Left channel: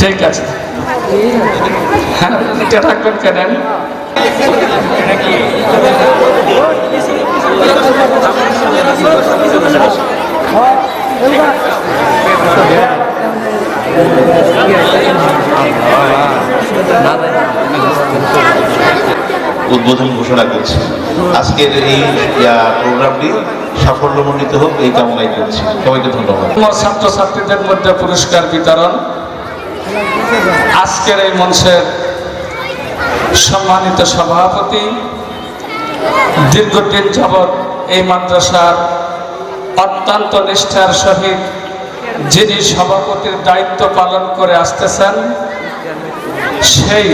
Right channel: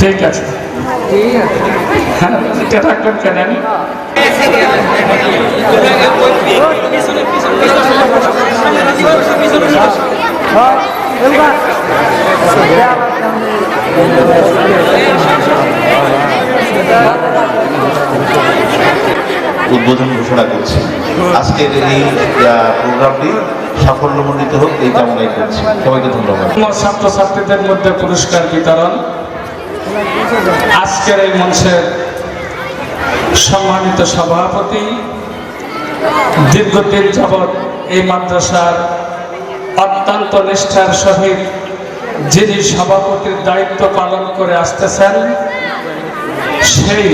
ঠিক আছে, হ্যাঁ এটা রাখবেন কেন? উদ্বোধন ঘোষণা করছি। আজকের এই প্রোগ্রামটি সাফল্যমণ্ডিত হোক এই কামনাই করছি। সবাইকে ধন্যবাদ। ছাত্রছাত্রীদের মধ্যে পুরস্কার বিতরণ। আজকের এই মঞ্চের সম্মানিত সভাপতি, দীর্ঘদিন যাবৎ এই মাদ্রাসার অত্যন্ত নিষ্ঠার সহিত যিনি সভাপতির দায়িত্ব পালন করে আসতেছেন, সেই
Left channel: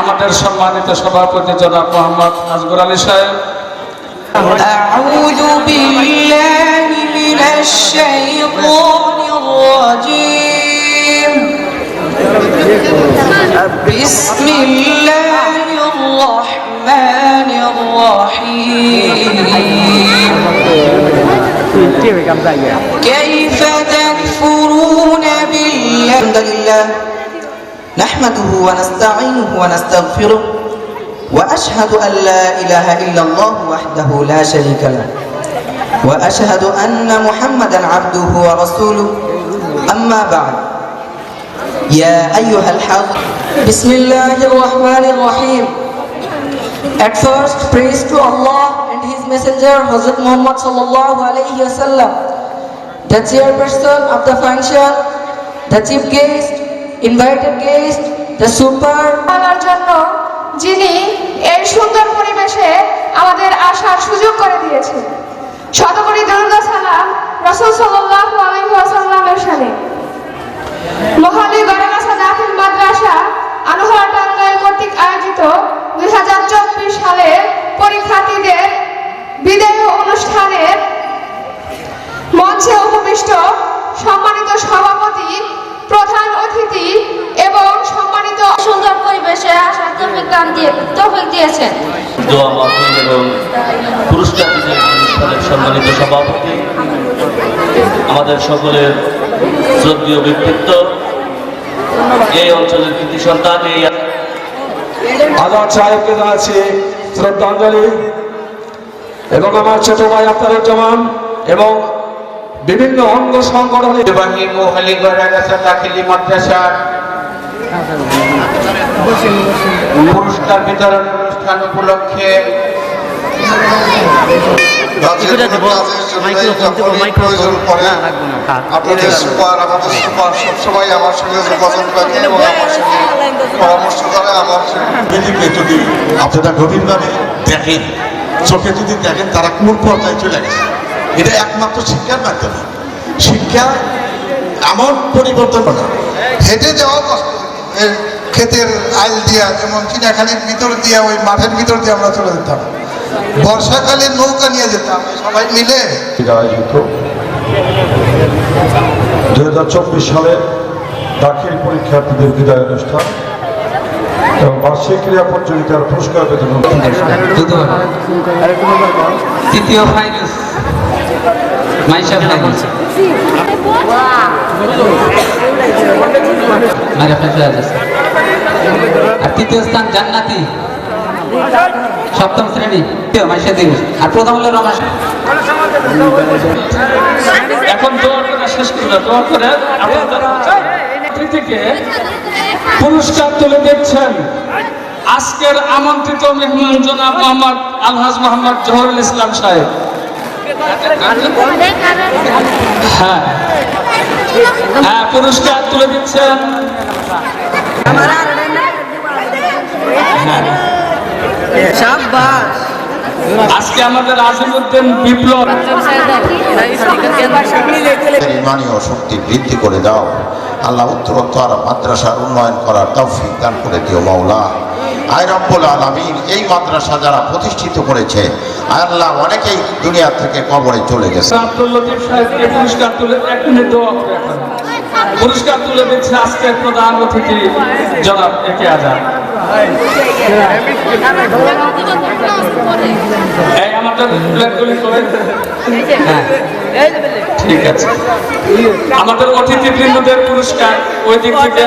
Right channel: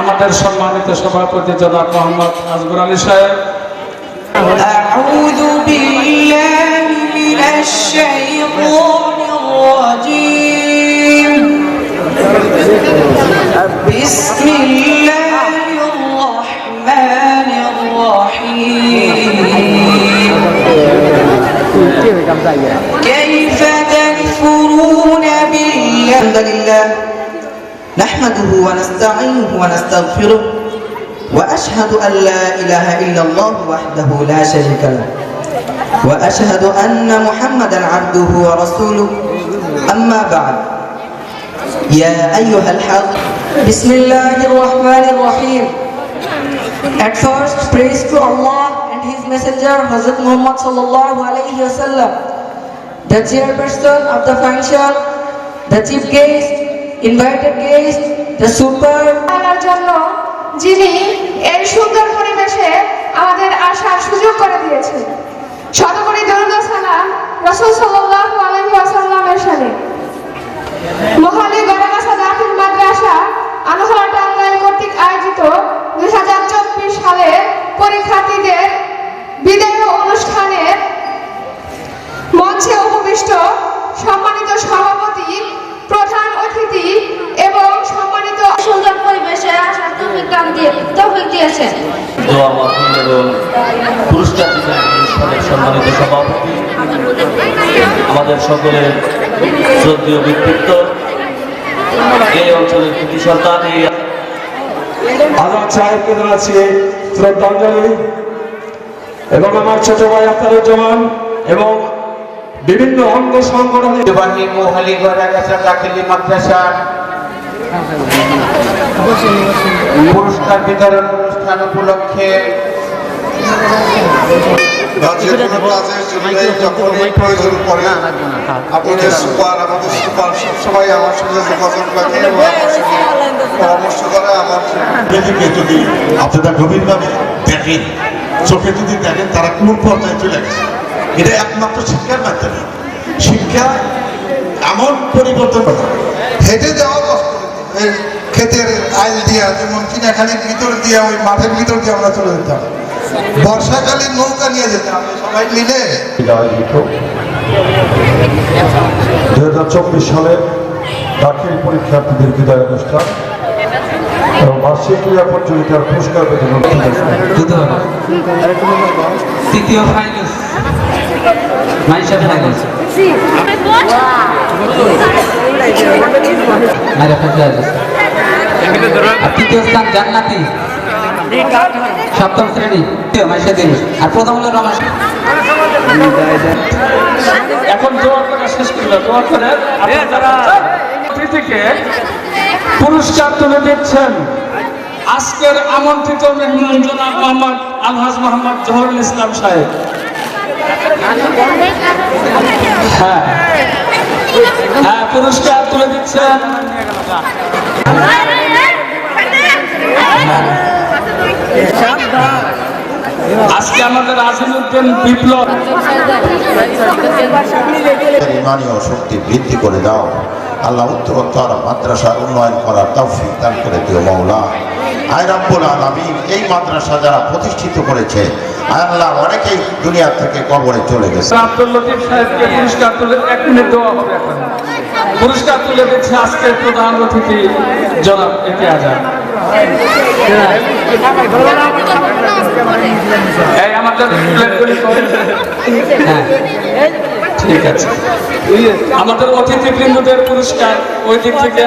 আমাদের সম্মানিত সভাপতি জনাব মোহাম্মদ আজগর আলী সাহেব। أعوذ بالله من الشيطان الرجيم بسم الله الرحمن الرحيم كيف تكفرون بالله الحمد لله نحمده ونستعينه ونستغفره وأشهد أن لا إله إلا الله وحده لا شريك له وأشهد أن محمدا عبده ورسوله أما بعد يا أيها الحق بسم الله الرحمن الرحيم. At first, praise to Allah and His Messenger Hazrat Muhammad sallallahu alayhi wa sallam, the chairperson of the function, the chief guest, invited guest, the super যিনি এই সুন্দর পরিবেশে আমাদের আসার সুযোগ করে দিয়েছেন। শতকোটি দরুদ ও সালাম রাসূল সাল্লাল্লাহু আলাইহি ওয়াসাল্লামের শানে। মোহালি গড়াগাছা দাখিল মাদ্রাসা আনোয়ারা টাঙ্গাইল কর্তৃক আয়োজিত 2024 সালের পরীক্ষার্থীদের বিদায়ী অনুষ্ঠানের মঞ্চে উপবিষ্ট সম্মানিত সভাপতি, প্রধান অতিথি এবং সম্মানিত সুন্দর পরিবেশে আসার তৌফিক দিয়েছেন। দোয়া মাহফিল এবং পুরস্কার বিতরণ অনুষ্ঠানের সম্মানিত সভাপতি, আমাদের সকলের শ্রদ্ধেয় ব্যক্তিত্ব, এই অঞ্চলের কৃতি সন্তান, এই আজাদ সাহেবকে জানাচ্ছি শ্রদ্ধাঞ্জলি এবং আমার ছোট ভাই আফতারুজ্জামান এবং বিভিন্ন অঙ্গ সংগঠনের বাহির মোহালি গড়াগাছা দাখিলি মাদ্রাসার পুরস্কার বিতরণ অনুষ্ঠান উপলক্ষে আপনারা গভীরভাবে দেখেন, চোখে যদি দেখেন তারা কোন পর্যায়ে চলে গেছে। এটা একমাত্র শিক্ষার মাধ্যমে। শিক্ষা এমন পরিবর্তন করা, হেঁটে যাওয়া কষ্ট, এই ক্ষেতের আইল দিয়া, যেমন কিনাখানির ভিতর দিয়া, ওই মাঠের ভিতর দিয়ে আমরা চলে যেতাম। বর্ষাকালীন নৌকা নিয়ে যেতাম সবাই মিলে। আয়োজিত 2024 সালের দাখিল পরীক্ষার্থীদের বিদায় অনুষ্ঠান এবং বার্ষিক ক্রীড়া প্রতিযোগিতার পুরস্কার বিতরণ। তৃতীয় ফাইনাল মাইশার ফাইনাল আর তৃতীয় স্থান জান্নাতি সপ্তম শ্রেণী মাইশা দেবী, আর প্রথম হলো রমেশ। এখন দোয়া করে শেষ করবে, দোয়া করে অতিথিকে পুরস্কার তুলে দিচ্ছেন আজকের আমন্ত্রিত মেহমান জনাব মোহাম্মদ আলহাজ মোহাম্মদ জহরুল ইসলাম সাহেব। হ্যাঁ হ্যাঁ, পুরস্কার তুলে দিচ্ছেন আজকে আমাদের আজিমউদ্দিন বিপ্লব। ইমানীয় শক্তি বৃদ্ধি করে দাও আল্লাহ, উত্তরোত্তর মাদ্রাসার উন্নয়ন করার তৌফিক দান করে দিও মাওলা। আয় রব্বুল আলামিন, এই মাদ্রাসা যারা প্রতিষ্ঠিত করেছে আয় আল্লাহ, অনেকেই দুনিয়া থেকে কবরে চলে গেছে। আব্দুল লতিফ সাহেবকে পুরস্কার তুলে 1 মিনিট দেওয়া হবে। এখন পুরস্কার তুলে দিচ্ছে আজকের প্রধান অতিথি জনাব একে আজাদ। আমাদের প্লেটগুলি ঠিক আছে, আমাদের অতিথিবৃন্দদের পুরস্কার ওই দিক থেকে